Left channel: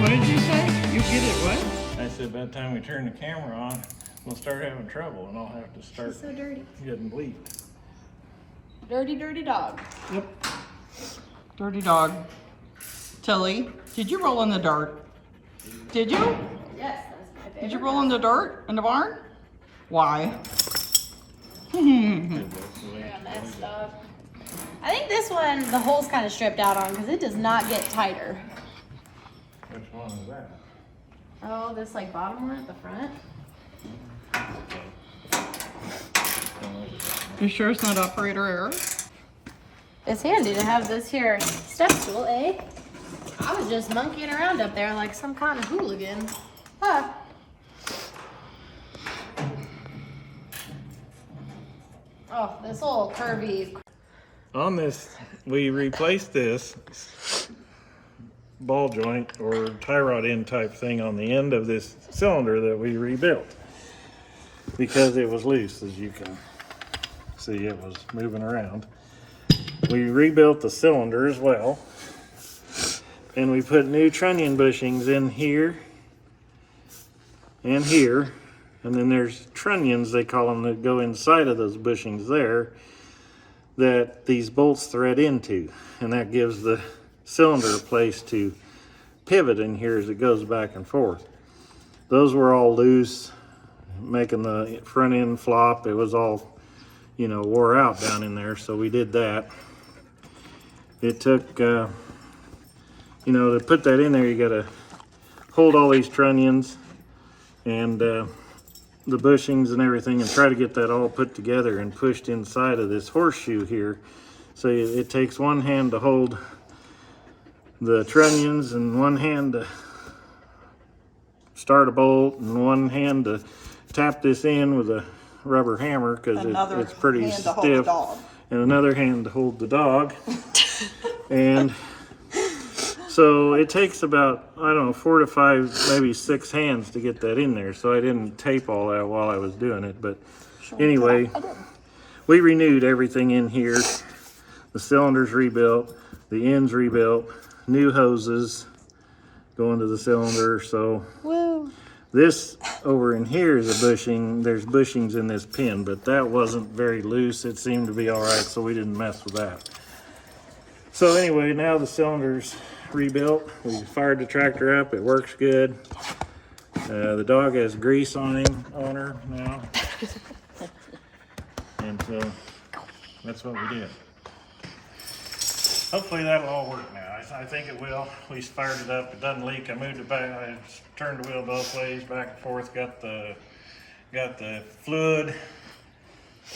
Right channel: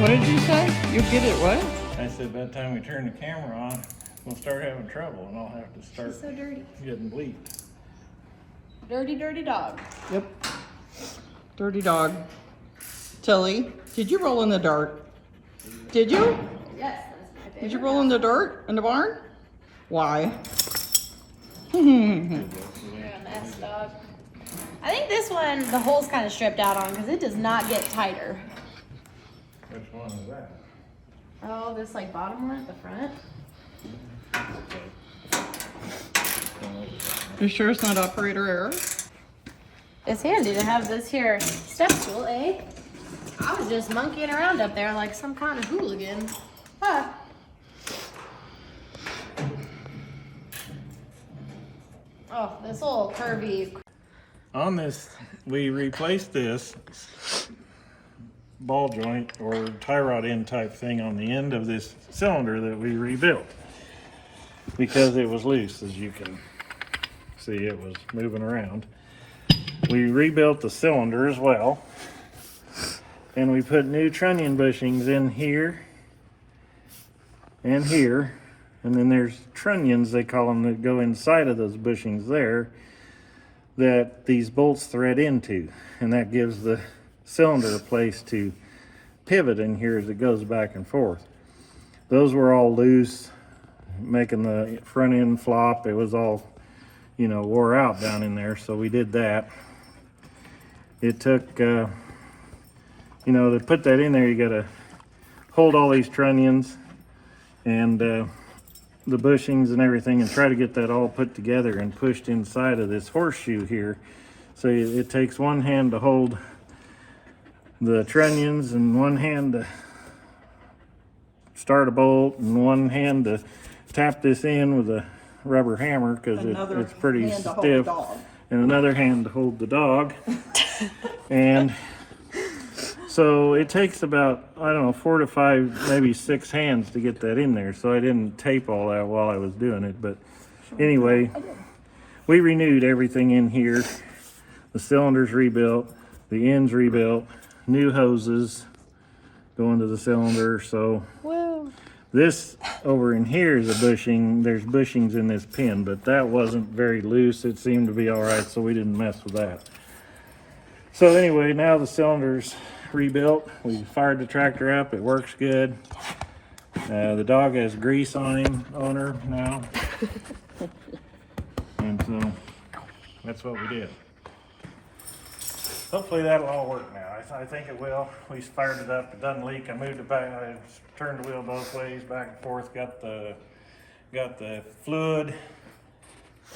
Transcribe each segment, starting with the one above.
What did you say? You get it what? I said by the time we turn the camera on, we'll start having trouble and I'll have to start She's so dirty. getting bleeped. Dirty, dirty dog. Yep. Dirty dog. Tilly, did you roll in the dirt? Did you? Yes, that's my favorite. Did you roll in the dirt in the barn? Why? You're a mess, dog. I think this one, the hole's kind of stripped out on because it does not get tighter. Which one is that? Oh, this like bottom one at the front. You sure it's not operator error? It's handy to have this here step stool, eh? I was just monkeying around up there like some kind of hooligan. Huh. Oh, this little curvy. On this, we replaced this ball joint or tie rod end type thing on the end of this cylinder that we rebuilt because it was loose. As you can see, it was moving around. We rebuilt the cylinder as well, and we put new trunnion bushings in here and here, and then there's trunnions, they call them, that go inside of those bushings there that these bolts thread into, and that gives the cylinder a place to pivot in here as it goes back and forth. Those were all loose, making the front end flop. It was all, you know, wore out down in there, so we did that. It took, you know, to put that in there, you gotta hold all these trunnions and the bushings and everything and try to get that all put together and pushed inside of this horseshoe here. So it takes one hand to hold the trunnions and one hand to start a bolt and one hand to tap this in with a rubber hammer because it's pretty stiff, and another hand to hold the dog. And so it takes about, I don't know, 4 to 5, maybe 6 hands to get that in there. So I didn't tape all that while I was doing it. But anyway, we renewed everything in here. The cylinder's rebuilt, the ends rebuilt, new hoses go into the cylinder. So this over in here is a bushing. There's bushings in this pin, but that wasn't very loose. It seemed to be all right, so we didn't mess with that. So anyway, now the cylinder's rebuilt. We fired the tractor up. It works good. The dog has grease on her now. And so that's what we did. Hopefully that'll all work now. I think it will. We fired it up. It doesn't leak. I moved it back. I turned the wheel both ways, back and forth. Got the fluid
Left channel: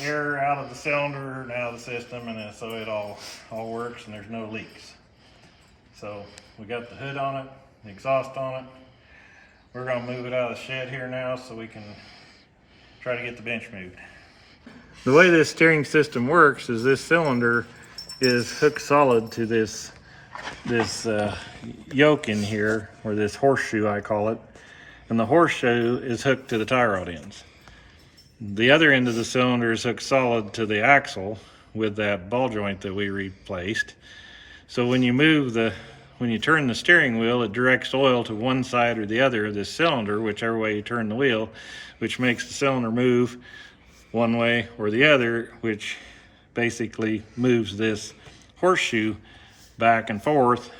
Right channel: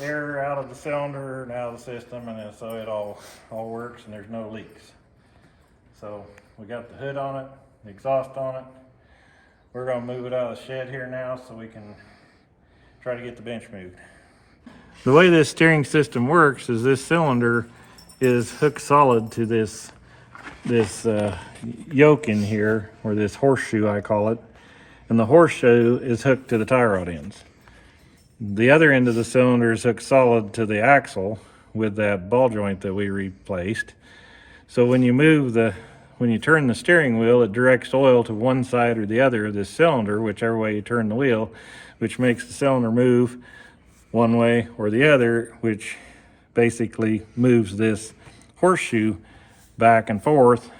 air out of the cylinder and out of the system, and so it all works and there's no leaks. So we got the hood on it, the exhaust on it. We're gonna move it out of the shed here now so we can try to get the bench moved. The way this steering system works is this cylinder is hooked solid to this yoke in here, or this horseshoe I call it, and the horseshoe is hooked to the tie rod ends. The other end of the cylinder is hooked solid to the axle with that ball joint that we replaced. So when you turn the steering wheel, it directs oil to one side or the other of this cylinder, whichever way you turn the wheel, which makes the cylinder move one way or the other, which basically moves this horseshoe back and forth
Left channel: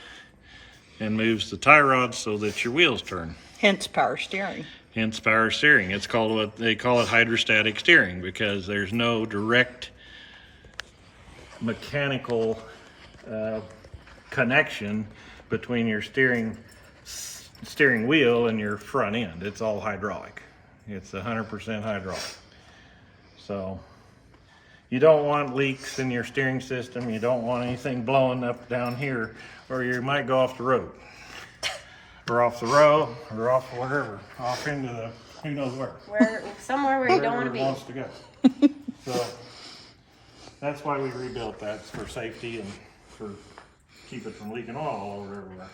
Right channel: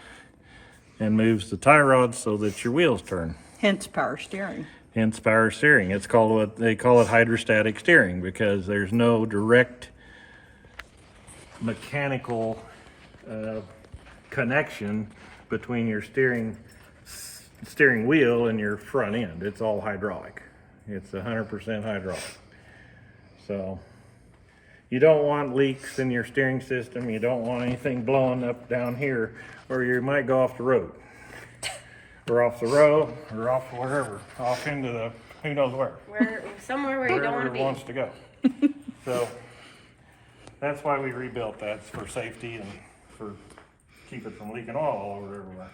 and moves the tie rod so that your wheels turn. Hence power steering. Hence power steering. It's called, what they call it, hydrostatic steering, because there's no direct mechanical connection between your steering wheel and your front end. It's all hydraulic. It's 100% hydraulic. So you don't want leaks in your steering system. You don't want anything blowing up down here, or you might go off the road, or off the road, or off wherever, off into the who knows where. Somewhere where you don't want to be. Wants to go. So that's why we rebuilt that, for safety and for keep it from leaking oil all over everywhere.